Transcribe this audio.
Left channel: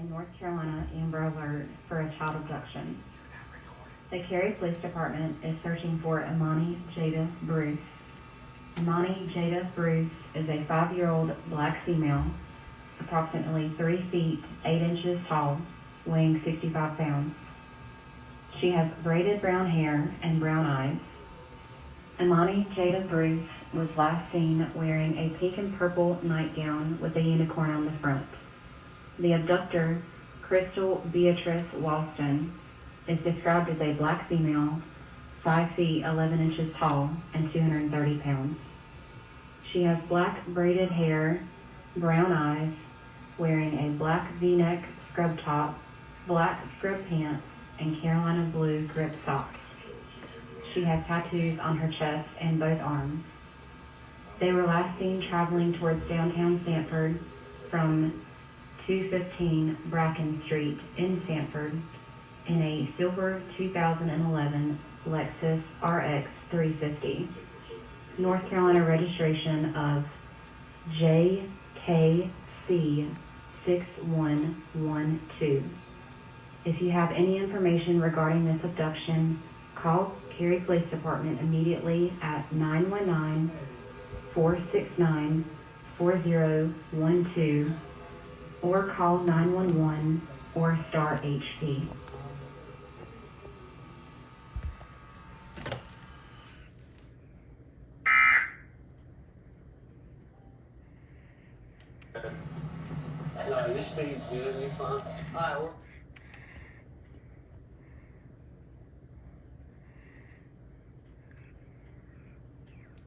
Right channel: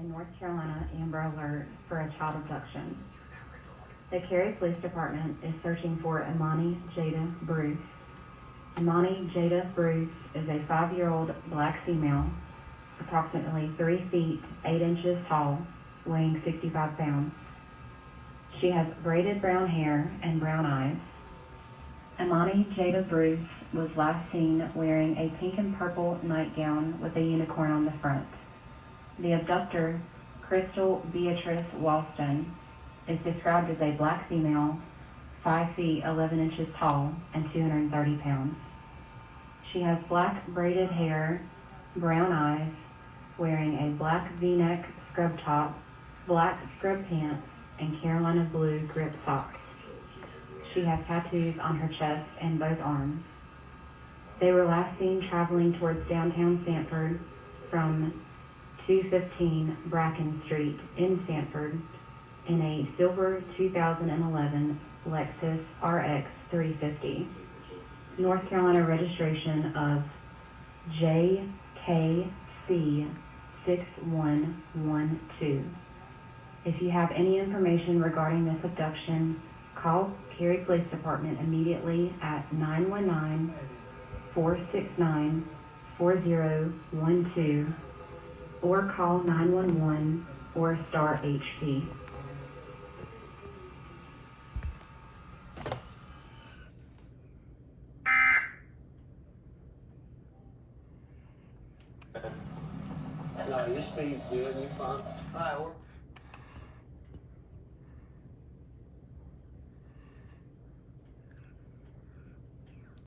a North Carolina Amber Alert for a child abduction. The Cary Police Department is searching for Amani Jada Bruce. Amani Jada Bruce is a 5-year-old black female, approximately 3 feet 8 inches tall, weighing 65 pounds. She has braided brown hair and brown eyes. Amani Jada Bruce was last seen wearing a pink and purple nightgown with a unicorn on the front. The abductor, Crystal Beatrice Walston, is described as a black female, 5 feet 11 inches tall, and 230 pounds. She has black braided hair, brown eyes, wearing a black V-neck scrub top, black scrub pants, and Carolina blue grip socks. She has tattoos on her chest and both arms. They were last seen traveling towards downtown Sanford from 215 Bracken Street in Sanford in a silver 2011 Lexus RX 350. North Carolina registration of JKC 6112. If you have any information regarding this abduction, call Cary Police Department immediately at 919-469-4012 or call 911 or star HP. No, your speed's good, you're fine. Alright, well.